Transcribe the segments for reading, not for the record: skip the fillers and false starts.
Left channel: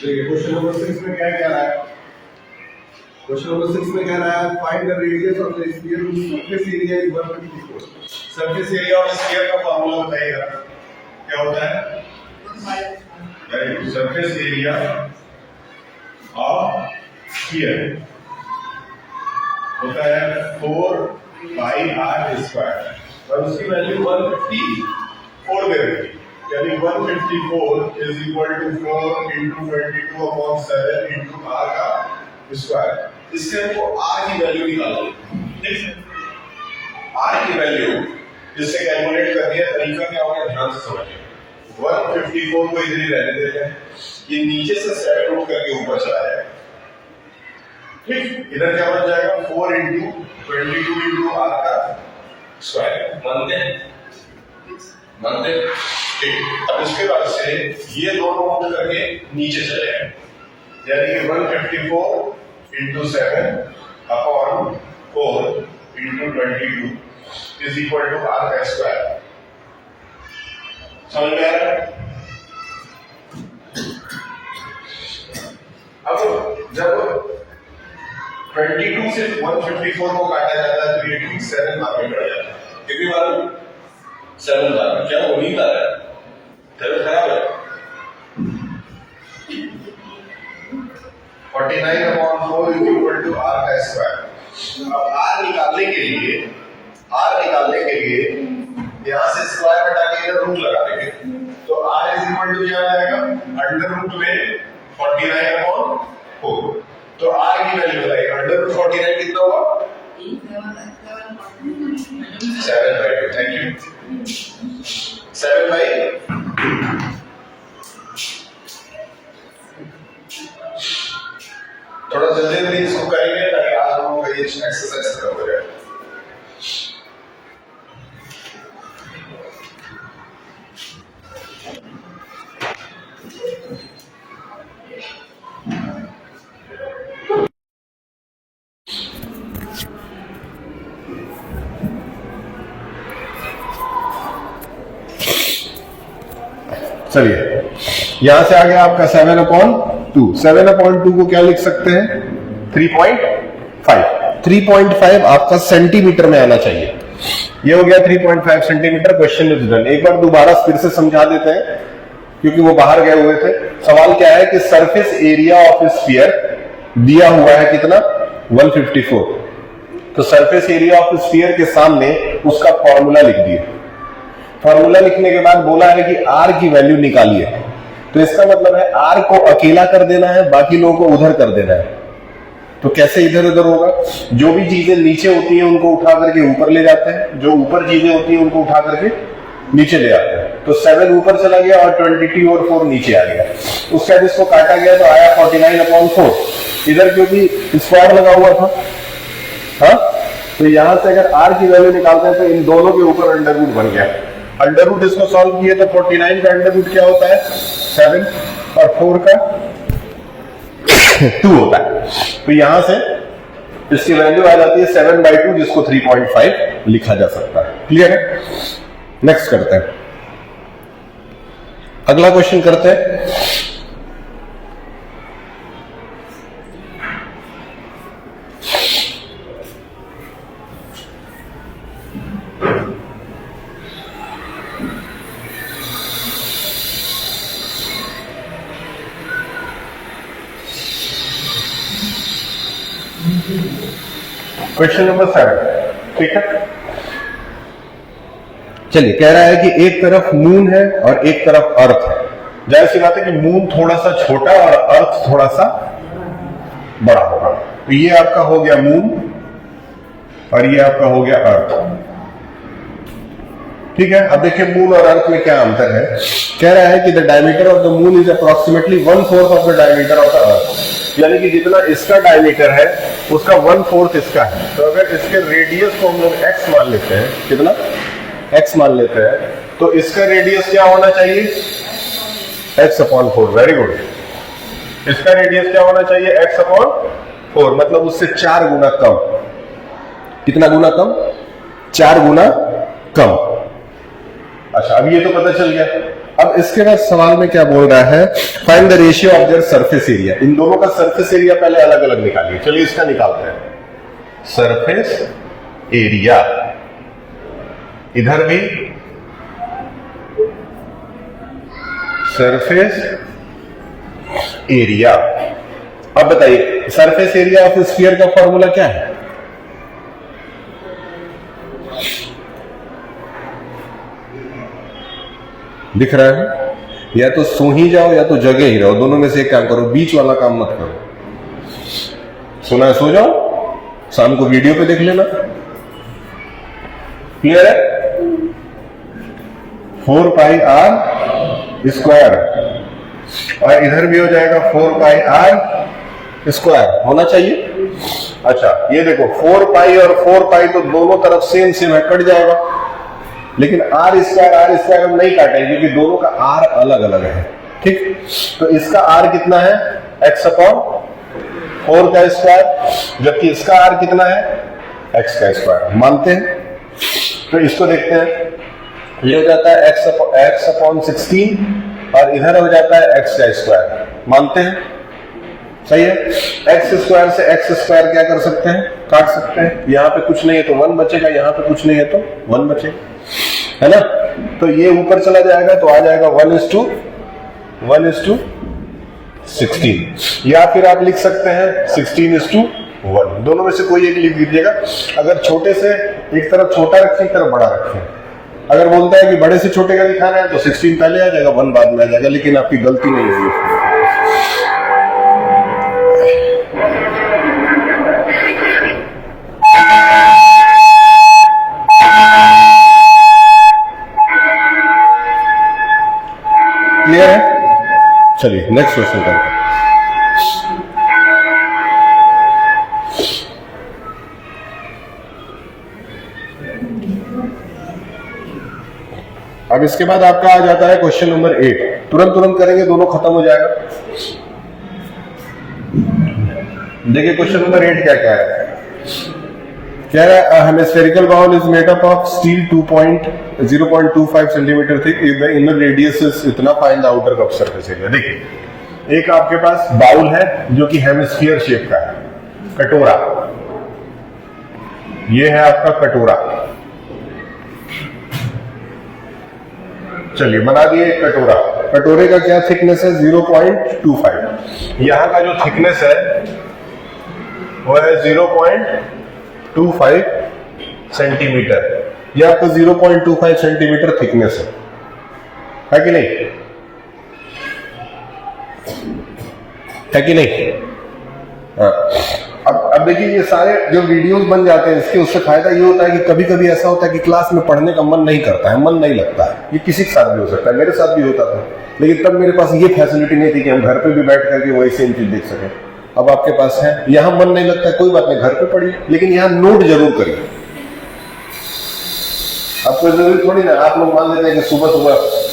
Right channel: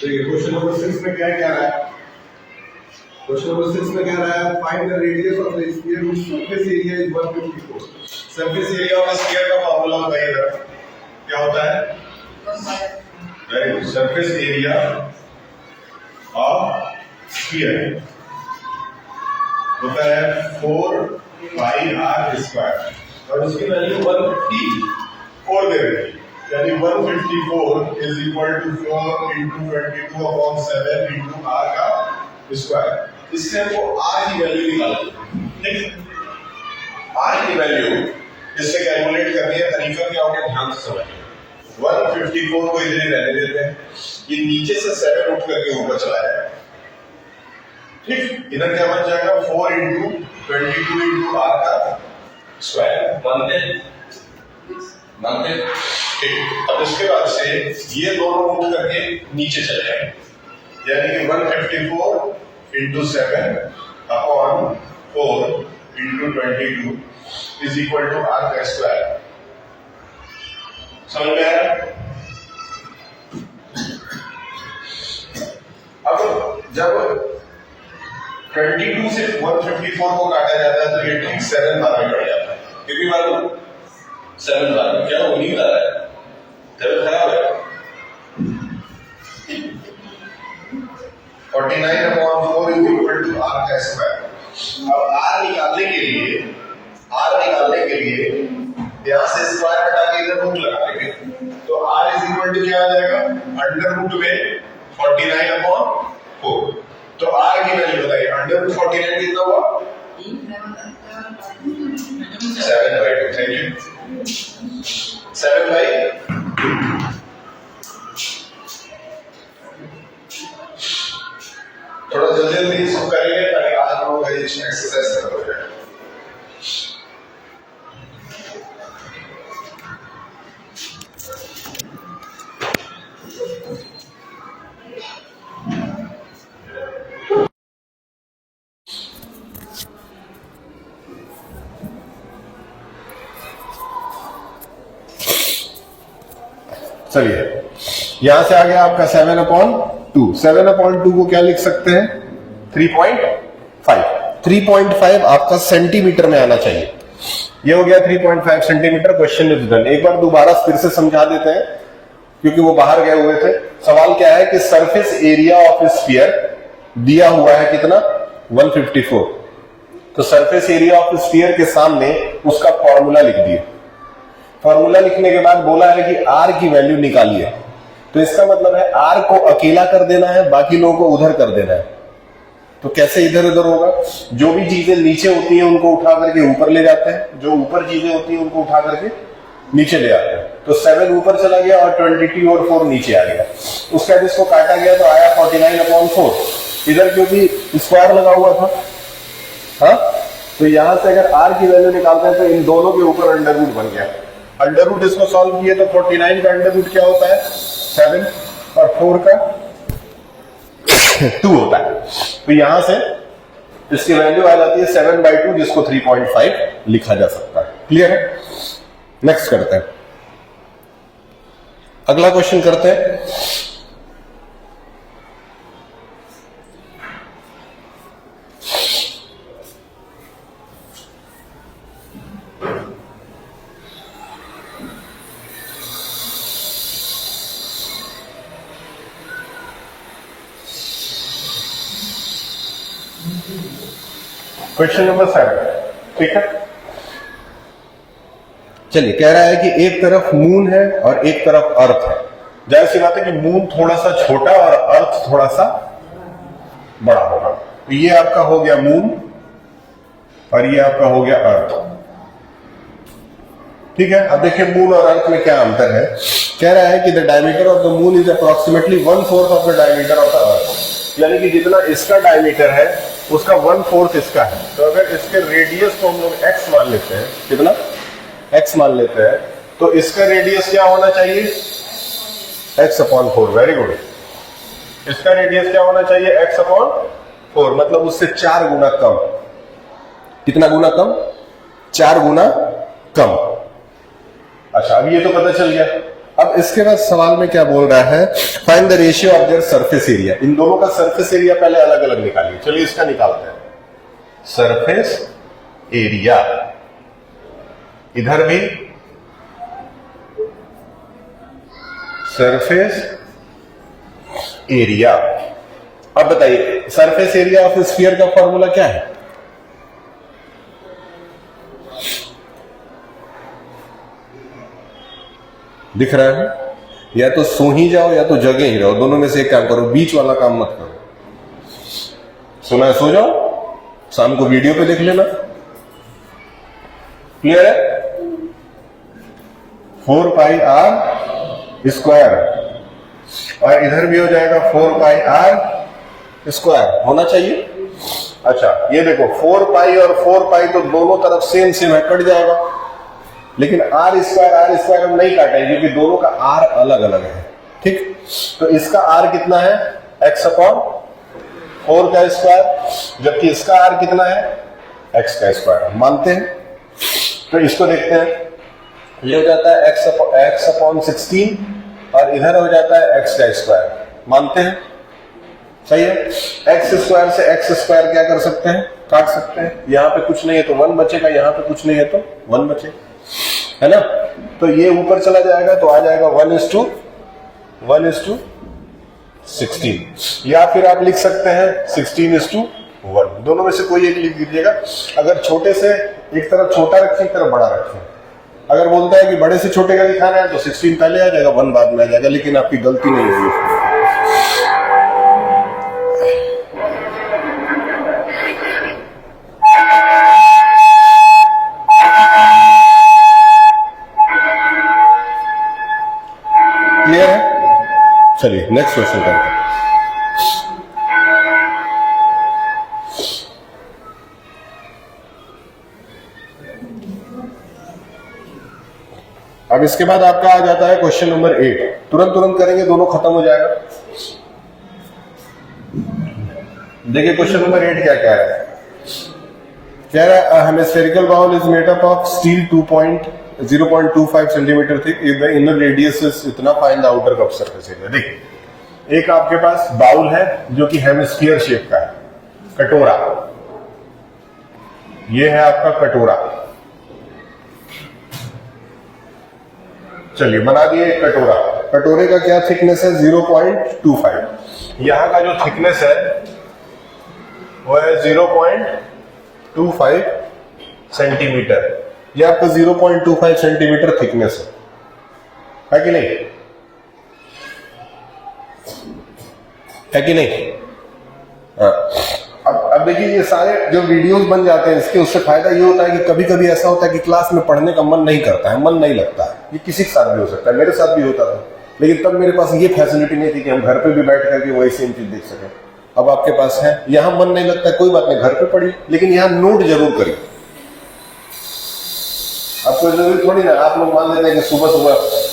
देखिए question number 6 में क्या कह रहा है? क्वेश्चन नंबर 6 में कह रहा है find the radius of the sphere which surface area is 154। Surface area of sphere का फार्मूला बताइएगा क्या होता है? Right, surface area of sphere होता है 4 पाई r स्क्वायर और उसकी वैल्यू 154 दे रही है, यानी 154 is equal to 4 into 22 upon 7 into r का स्क्वायर। इससे हमको r की वैल्यू निकालनी है। r की वैल्यू इससे कैलकुलेट करनी है। तरीका क्या होगा ध्यान से समझिए। 154 को इधर ही रहने देते हैं, ये नीचे से 7 उठ करके ऊपर चला जाएगा। ठीक, इधर क्या बन जाएगा 4 इंटू 22 इंटू r का स्क्वायर। मानते ठीक। अब इसके बाद से ये दोनों उठ करके नीचे चले जाएंगे, यानी कि 154 into 7 upon 4 into 22 is equal to r का स्क्वायर। समझ में आ रहा है? अब जब 22 से 154 को काटा जाता है तो ये ठीक 7 बार में कट जाता है। कितनी बार? 7 बार में। क्या वो नींद आ रहा है? तबीयत खराब है? 49 upon 4 is equal to r का स्क्वायर। अब r निकालने के लिए यहां से स्क्वायर हटा के इधर रूट लगा देंगे, तो r इज इक्वल टू क्या आ जाएगा? अंडर रूट में 49 अपॉन 4। तो r की वैल्यू बताइए। अंडर रूट 49 कितना हुआ? 7/2। Thank you. 7/2। थोड़ा जल्दी जल्दी इसको करेंगे ताकि आज हम लोग का ये एक्सरसाइज खत्म हो जाए। चलिए, यहां से आ गया आपका 7/2। 7/2 को क्या लिख सकते हैं? 3.5। 3.5 आपका सेंटीमीटर में आना चाहिए। ये हो गया 3.5 सेंटीमीटर। Question is done. एक बार दोबारा फिर से समझा देते हैं क्योंकि वो बाहर गए हुए थे। सवाल क्या है कि सरफेस एरिया ऑफ स्फीयर दिया हुआ है कितना? 154। तो सरफेस एरिया ऑफ स्फीयर के सामने उसका फॉर्मूला लिख दिया। फॉर्मूला लिखने के बाद बोला है कि r की वैल्यू निकालिए। तो इसका मतलब है r को अकेला कर देना है, बाकी लोगों को उधर कर देना है। तो कैसे इधर उधर होगा? जो भी चीजें नीचे होती हैं उनको उठा करके ऊपर ले जाते हैं, जो ऊपर चीजें होती हैं उनको उठा करके नीचे ले जाते हैं। तो 7 ऊपर चला गया और 22 और 4 नीचे आ गया। उसके बाद इसको काटा गया तो आया 49/4। इधर क्योंकि स्क्वायर लगा हुआ था, हाँ, तो यहां से अगर r की वैल्यू निकालते हैं तो इन दोनों के ऊपर अंडर रूट बन गया। अंडर रूट इसको सॉल्व किए तो 49 का अंडर रूट क्या होता है? 7 और 4 का 2 होता है। तो यहां से इसकी वैल्यू आ जाती है 7/2, जिसको 3.5 लिखा जा सकता है। क्लियर है? नेक्स्ट करते हैं, अगला क्वेश्चन करते हैं। Question number 7। ठीक है, चलिए, कह रहा है कि एक तरफ मून है और एक तरफ अर्थ है। जाहिर सी बात है कि मून थोड़ा सा छोटा और अर्थ थोड़ा सा बड़ा होगा। तो ये आपका हो गया मून और ये आपका हो गया अर्थ। ठीक है, अब देखिए मून और अर्थ में क्या अंतर है। कह रहा है कि the diameter of the moon is approximately 1/4 of the diameter of the earth. यानी कि जितना इसका डायमीटर है उसका 1/4 इसका है। तो अगर इसके रेडियस को हम लोग x मान लेते हैं, कितना x मान लेते हैं, तो इसका रेडियस क्या होना चाहिए? x/4। Very good. इसका रेडियस क्या होना चाहिए? x/4, मतलब उससे 4 गुना कम। कितना गुना कम? 4 गुना कम। अच्छा, अब ये तो पता चल गया। अब इसके बाद सवाल में क्या बोल रहा है, find the ratio of their surface area. इन दोनों का सरफेस एरिया पहले अलग अलग निकालिए। चलिए इसका निकालते हैं, सरफेस एरिया। इधर भी सरफेस एरिया। अब बताइए सरफेस एरिया ऑफ स्फीयर का फॉर्मूला क्या है? दिख रहा है? या तो सो ही जाओ या तो जगे ही रहो, दोनों में से एक काम करो, बीच वाला काम मत करो। सोना है सो जाओ, शाम को वीडियो पे देख लेना। क्लियर है? 4 पाई आर स्क्वायर, और इधर भी हो जाएगा 4 पाई आर स्क्वायर, होना चाहिए। अच्छा ये देखो 4 पाई और 4 पाई तो दोनों तरफ सेम सेम है, कट जाएगा। लेकिन आर स्क्वायर हम नहीं काटेंगे क्योंकि दोनों का आर अलग अलग है। ठीक, तो इसका आर कितना है? x अपॉन 4 का स्क्वायर, जबकि इसका आर कितना है? x का स्क्वायर। मानते हैं? तो इसको देखते हैं, ये हो जाता है x अपॉन 16 और इधर हो जाता है x का स्क्वायर। मानते हैं? सही है। x स्क्वायर से x स्क्वायर क्या कर सकते हैं? काट सकते हैं। यहाँ पे कुछ नहीं है तो 1 बचेगा, यहाँ पे कुछ नहीं है तो 1 बचेगा, है ना? तो ये ऊपर चला जाएगा तो आ जाएगा 1:16, या फिर आप लिख सकते हैं 16:1। दोनों में से कोई एक लिख दीजिएगा। अगर छोटे से एक तरफ छोटा रखें, एक तरफ बड़ा रखें। अगर बोलता है कि बड़े से छोटे का दिखाना है तो 16 पहले आ जाएगा, 1 बाद में आ जाएगा, लेकिन आपकी गलती नहीं होगी। क्लियर है? चलिए नेक्स्ट क्वेश्चन करते हैं। अब इसके बाद आपका आ जाता है क्वेश्चन नंबर 8। तुरंत करेंगे, दोनों खत्म हो जाएगा। देखिए क्वेश्चन नंबर 8 क्या कह रहा है। कह रहा है hemispherical bowl is made up of steel 0.25 centimetre thick, if the inner radius is इतना, find the outer cup surface area. देखिए एक आपके पास बाउल है जो कि हेमिस्फीयर शेप का है, कटोरा। ये है आपका कटोरा। चलिए बना दिए कटोरा। कटोरे का क्या थिकनेस है? 0.25। यहां का जो थिकनेस है वो है 0.25 सेंटीमीटर। ये आपका 0.25 सेंटीमीटर थिकनेस है कि नहीं? है कि नहीं? हाँ। अब देखिए ये सारे जो वीडियोस बन जाते हैं इसके, उससे फायदा ये होता है कि कभी कभी ऐसा होता है कि क्लास में पढ़ने का मन नहीं करता है, मन नहीं लगता है। ये किसी के साथ भी हो सकता है, मेरे साथ भी होता था, लेकिन तब मेरे पास ये फैसिलिटी नहीं थी कि हम घर पे भी बैठ करके वही सेम चीज देख सकें। अब आपके पास है, यहां मन नहीं लगता, कोई बात नहीं, घर पे पढ़िए, लेकिन यहां नोट जरूर करिए। आपको जरूरी थोड़ी ना, आप लोग मान लेते हैं कि सुबह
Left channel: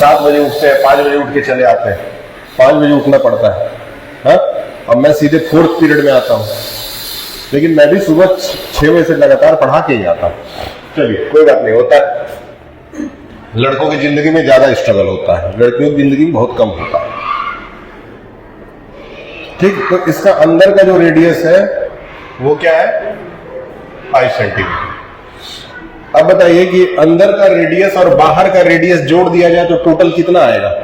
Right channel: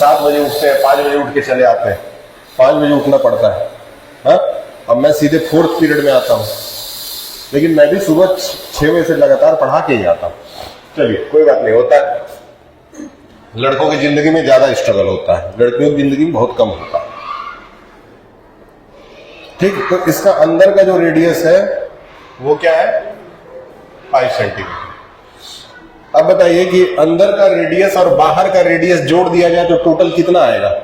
7 बजे उठते हैं, 5 बजे उठ के चले आते हैं, 5 बजे उठना पड़ता है। हाँ? अब मैं सीधे 4th पीरियड में आता हूं, लेकिन मैं भी सुबह 6 बजे से लगातार पढ़ा के ही आता हूं। चलिए कोई बात नहीं, होता है। लड़कों की जिंदगी में ज्यादा स्ट्रगल होता है, लड़कियों की जिंदगी में बहुत कम होता है। ठीक, तो इसका अंदर का जो रेडियस है वो क्या है? 5 सेंटीमीटर। अब बताइए कि अंदर का रेडियस और बाहर का रेडियस जोड़ दिया जाए तो टोटल कितना आएगा?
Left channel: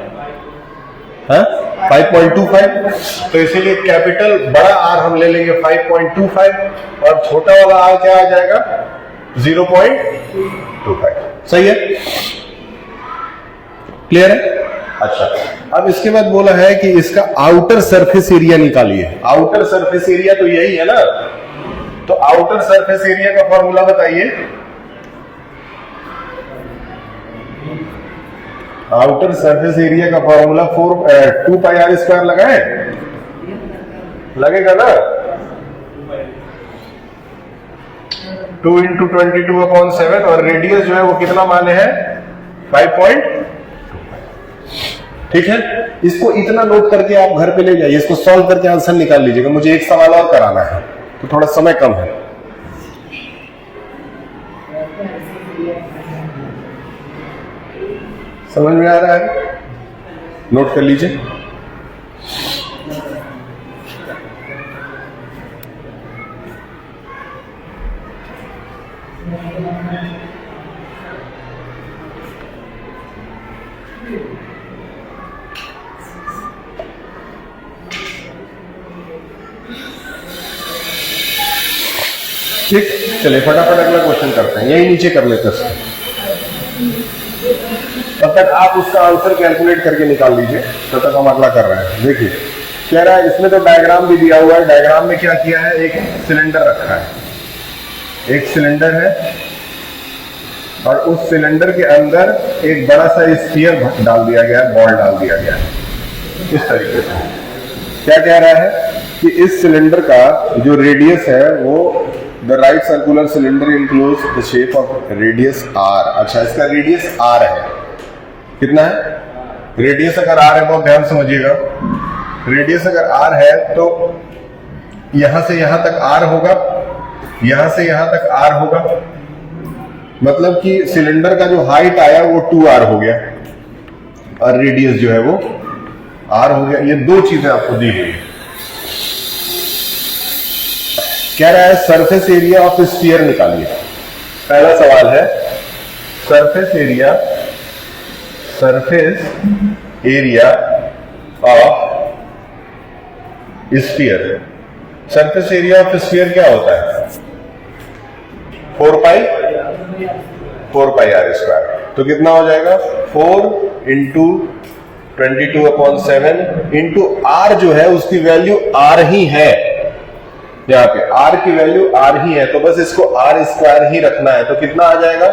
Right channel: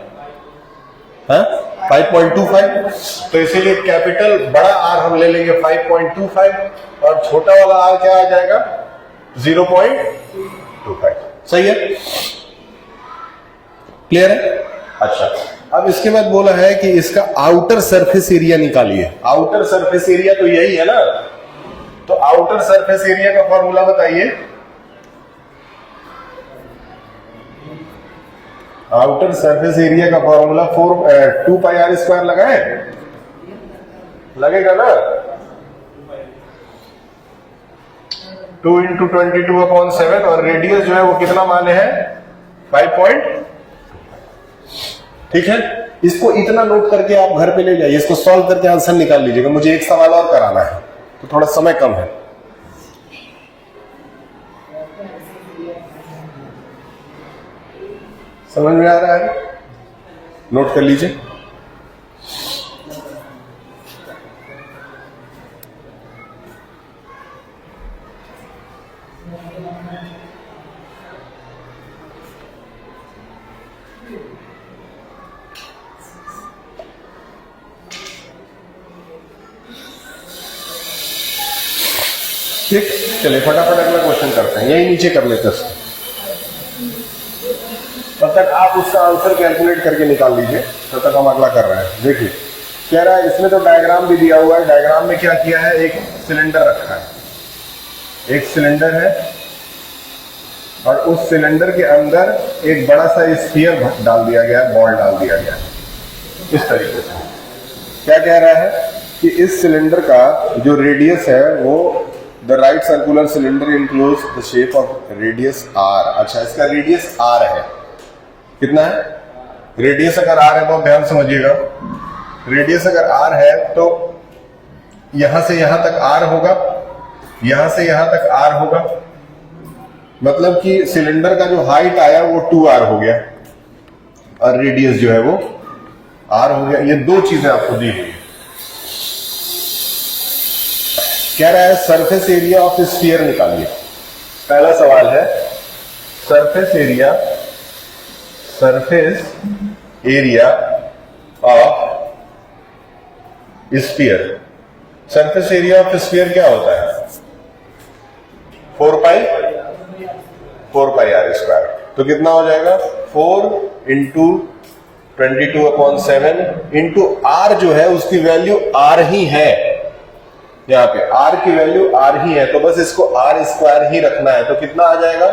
हाँ? 5.25। तो इसीलिए कैपिटल बड़ा आर हम ले लेंगे 5.25 और छोटा वाला आर क्या आ जाएगा? 0.25। सही है? क्लियर है? अच्छा, अब इसके बाद बोला है कि इसका आउटर सरफेस एरिया निकालिए। आउटर सरफेस एरिया तो यही है ना, तो आउटर सरफेस एरिया का फॉर्मूला बताइए। आउटर सरफेस एरिया का फॉर्मूला 2 पाई आर स्क्वायर लगाए, लगेगा ना? 2 × 22/7 और रेडियस जो है वो कितना माने हैं? 5.25। ठीक है, इसको इतना नोट करके आप घर पे ले जाइए, इसको सॉल्व करके आंसर निकाल लीजिएगा। मुझे एक सवाल और कराना है तो थोड़ा समय कम है। समझ में आ रहा है? नोट कर लीजिए। ठीक, चलिए फटाफट अगला क्वेश्चन करते हैं, यही नीचे कर लेते हैं। तब तक आप उसका आंसर कैलकुलेट करके निकाल लीजिए, तब तक हम अगला कर रहे हैं। देखिए कह रहा है, इसमें तो डायग्राम भी दिया हुआ है। डायग्राम में क्या किया है, एक सिलेंडर रखा है, एक सिलेंडर है और उस सिलेंडर के अंदर एक बड़ा सा स्फीयर डाल दिया गया है, बॉल डाल दिया गया है। इस तरीके से क्या कह रहा है कि इस सिलेंडर का जो रेडियस है वो the right circular cylinder enclose the shape of radius R. अच्छा, इसका रेडियस आर है, कितना है रेडियस? अगर आर है बहुत ध्यान समझिएगा, रेडियस अगर आर है तो यहां से यहां तक आर होगा, यहां से यहां तक आर होगा, मतलब कि सिलेंडर का जो हाइट आया वो 2r हो गया और रेडियस जो है वो r हो गया। ये दो चीजें आपको दी गई है। कह रहा है सरफेस एरिया ऑफ स्फीयर निकालिए। पहला सवाल है surface area of sphere. Surface area of sphere क्या होता है? 4 पाई आर स्क्वायर। तो कितना हो जाएगा? 4 इंटू 22/7 इंटू आर जो है उसकी वैल्यू आर ही है, यहाँ पे आर की वैल्यू आर ही है, तो बस इसको आर स्क्वायर ही रखना है। तो कितना आ जाएगा?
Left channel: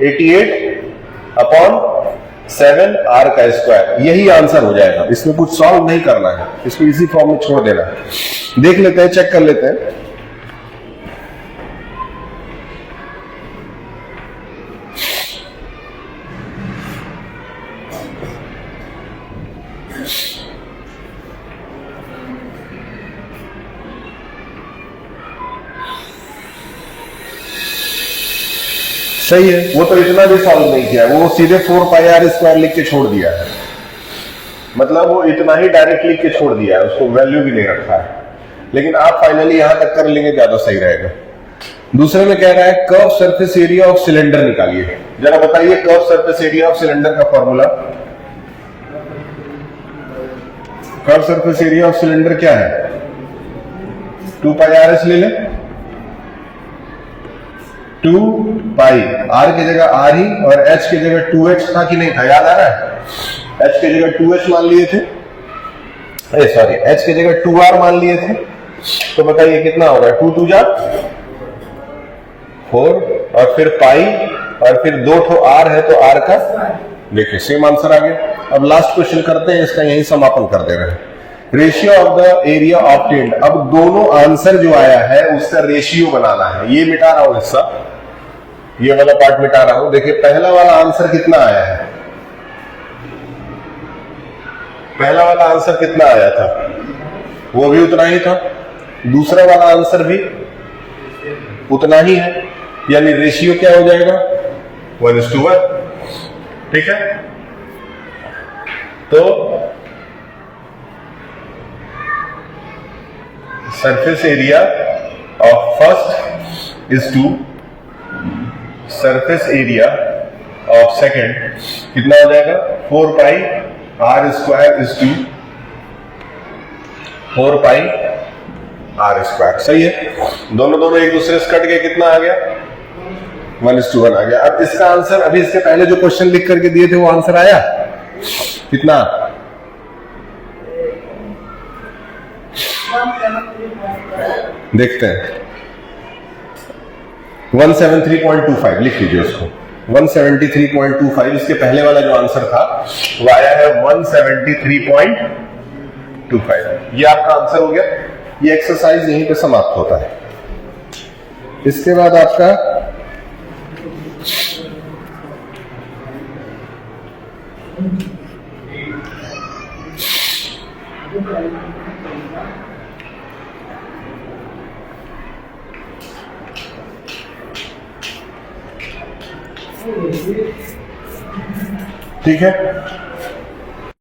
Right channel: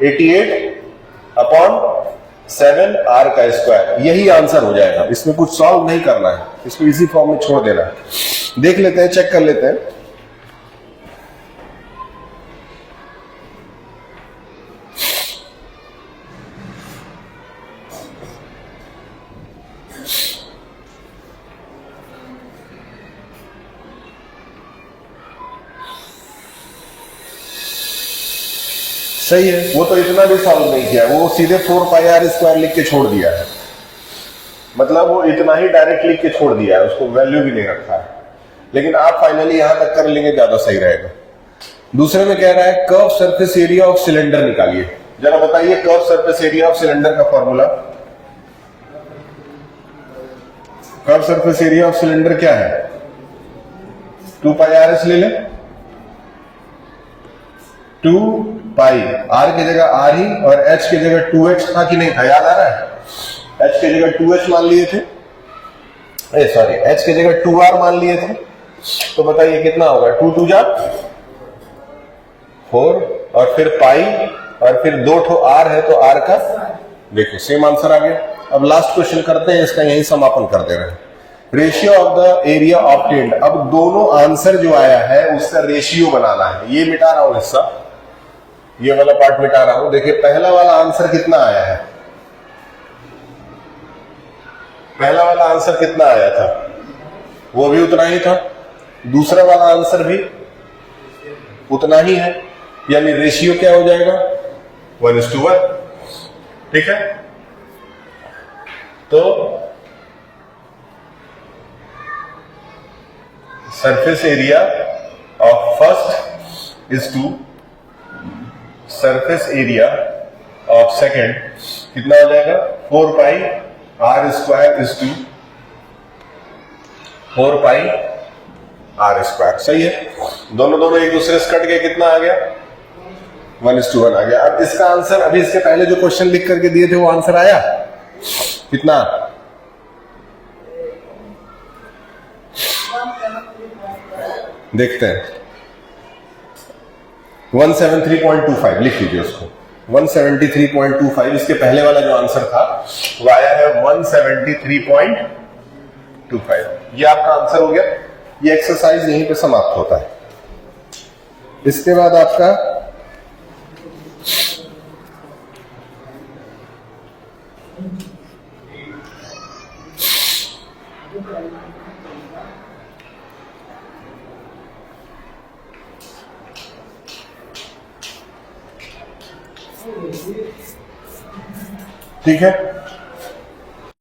88/7 आर का स्क्वायर। यही आंसर हो जाएगा, इसमें कुछ सॉल्व नहीं करना है, इसको इसी फॉर्म में छोड़ देना है। देख लेते हैं, चेक कर लेते हैं। सही है, वो तो इतना भी सॉल्व नहीं किया, वो सीधे 4 पाई आर स्क्वायर लिख के छोड़ दिया है, मतलब वो इतना ही डायरेक्ट लिख के छोड़ दिया है, उसको वैल्यू भी नहीं रखा है। लेकिन आप फाइनली यहां तक कर लेंगे, ज्यादा सही रहेगा। दूसरे में कह रहा है curve surface area of cylinder निकालिए। जरा बताइए curve surface area of cylinder का formula. Curve surface area of cylinder क्या है? 2 पाई आर एस ले लें, 2 पाई आर की जगह आर ही और एच की जगह 2h था कि नहीं था, याद आ रहा है? एच की जगह 2h मान लिए थे, सॉरी एच की जगह 2r मान लिए थे। तो बताइए कितना होगा? 2 2 जा 4 और फिर पाई और फिर 2 ठो आर है तो आर का, देखिए सेम आंसर आ गया। अब लास्ट क्वेश्चन करते हैं, इसका यही समापन कर दे रहे हैं। Ratio of the area obtained. अब दोनों आंसर जो आया है उसका रेशियो बनाना है। ये मिटा रहा हूं हिस्सा, ये वाला पार्ट मिटा रहा हूं। देखिए पहला वाला आंसर कितना आया है? पहला वाला आंसर कितना आया था? वो भी उतना ही था। दूसरा वाला आंसर भी उतना ही है, यानी रेशियो क्या हो जाएगा? 1:1। ठीक है, तो surface area of first is 2, surface area of second कितना हो जाएगा? 4 pi R square is 2, 4 pi R square. सही है, दोनों एक दूसरे से कट गए, कितना आ गया? 1:1 आ गया। अब इसका आंसर अभी इसके पहले जो क्वेश्चन लिख करके दिए थे वो आंसर आया कितना? देखते हैं, 173.25 लिख लीजिए उसको, 173.25। इसके पहले वाला जो आंसर था वो आया है 173.25। ये आपका आंसर हो गया। ये एक्सरसाइज यहीं पे समाप्त होता है। इसके बाद आपका ठीक है,